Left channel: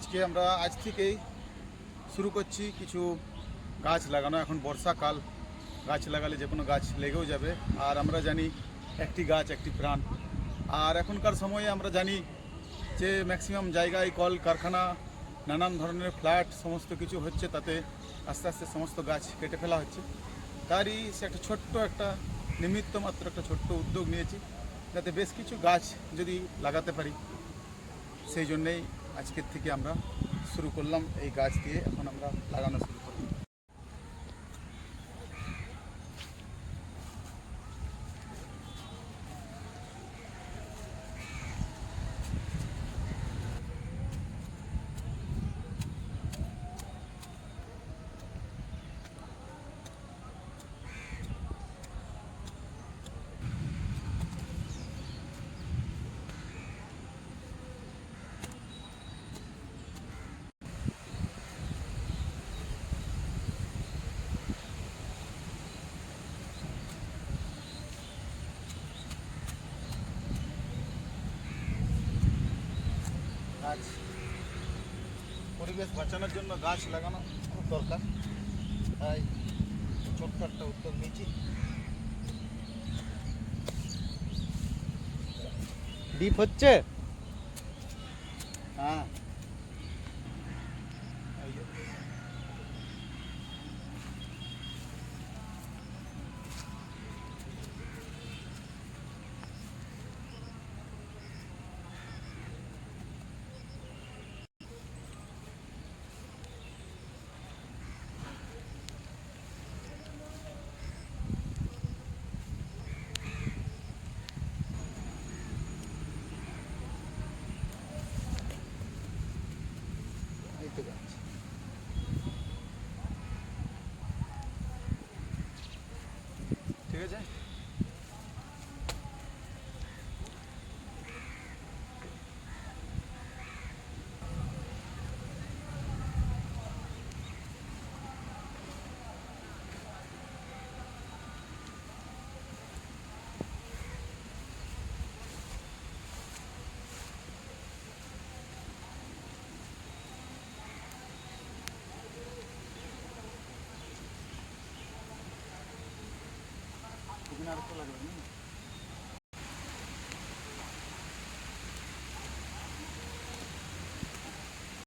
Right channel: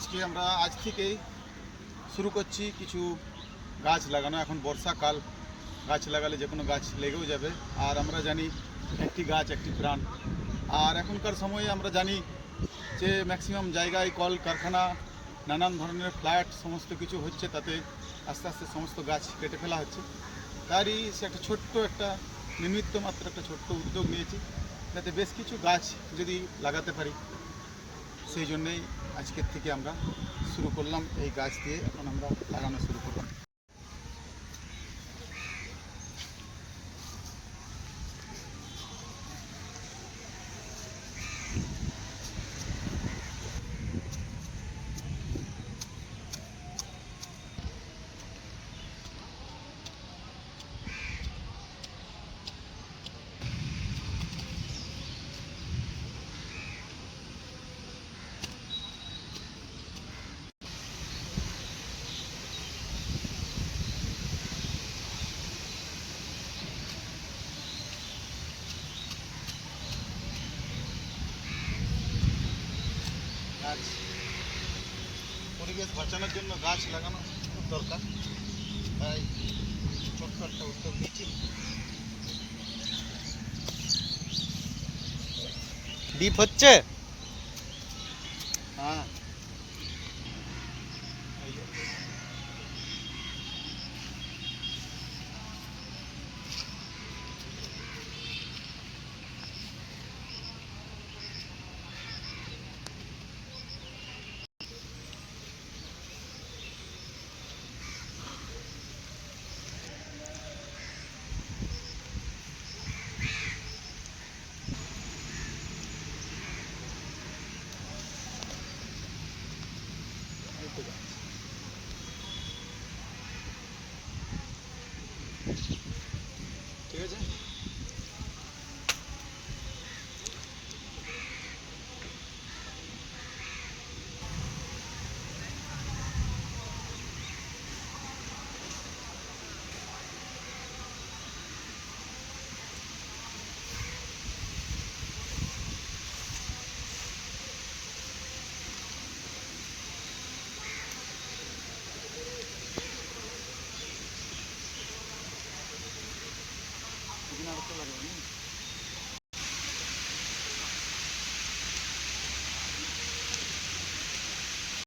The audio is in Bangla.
আজকে আমরা আজ থেকেই শুরু করছি কিছু গাছ লাগানো। এখন বর্ষাকাল, গাছ লাগালে যে কোনো গাছ লেগেও যাবে। আর আমরা জানি একটি গাছ একটি প্রাণ। আর এখনকার সময়ে আমরা জানি যে ম্যাক্সিমাম জায়গায় কল কারখানা, নানান ধরনের ফ্ল্যাট সমস্ত কিছু হচ্ছে, তাতে আস্তে আস্তে সমস্ত গাছ কেটে ফেলা হচ্ছে। তারই সে একটা ছোট্ট একটা নিমিত্ত মাত্র একটা ছোট্ট উদ্যোগ নিয়েছি, যাতে বেশ কিছু গাছ যদি লাগাতে পারি। সেই জন্যেই আজকের থেকে আমরা শুরু করলাম, এই গাছ দিয়ে এখন আমরা লাগানো শুরু করলাম। গাছ, পরিবেশ বাঁচানোর জন্য গাছ লাগানো খুব দরকার, তাই ছোট্ট একটা উদ্যোগ নিয়েছি। ডিপ হচ্ছে। হ্যাঁ, এই যে। এই তো গাছ। ঠিক আছে। এখানে আর একটা লাগবে না।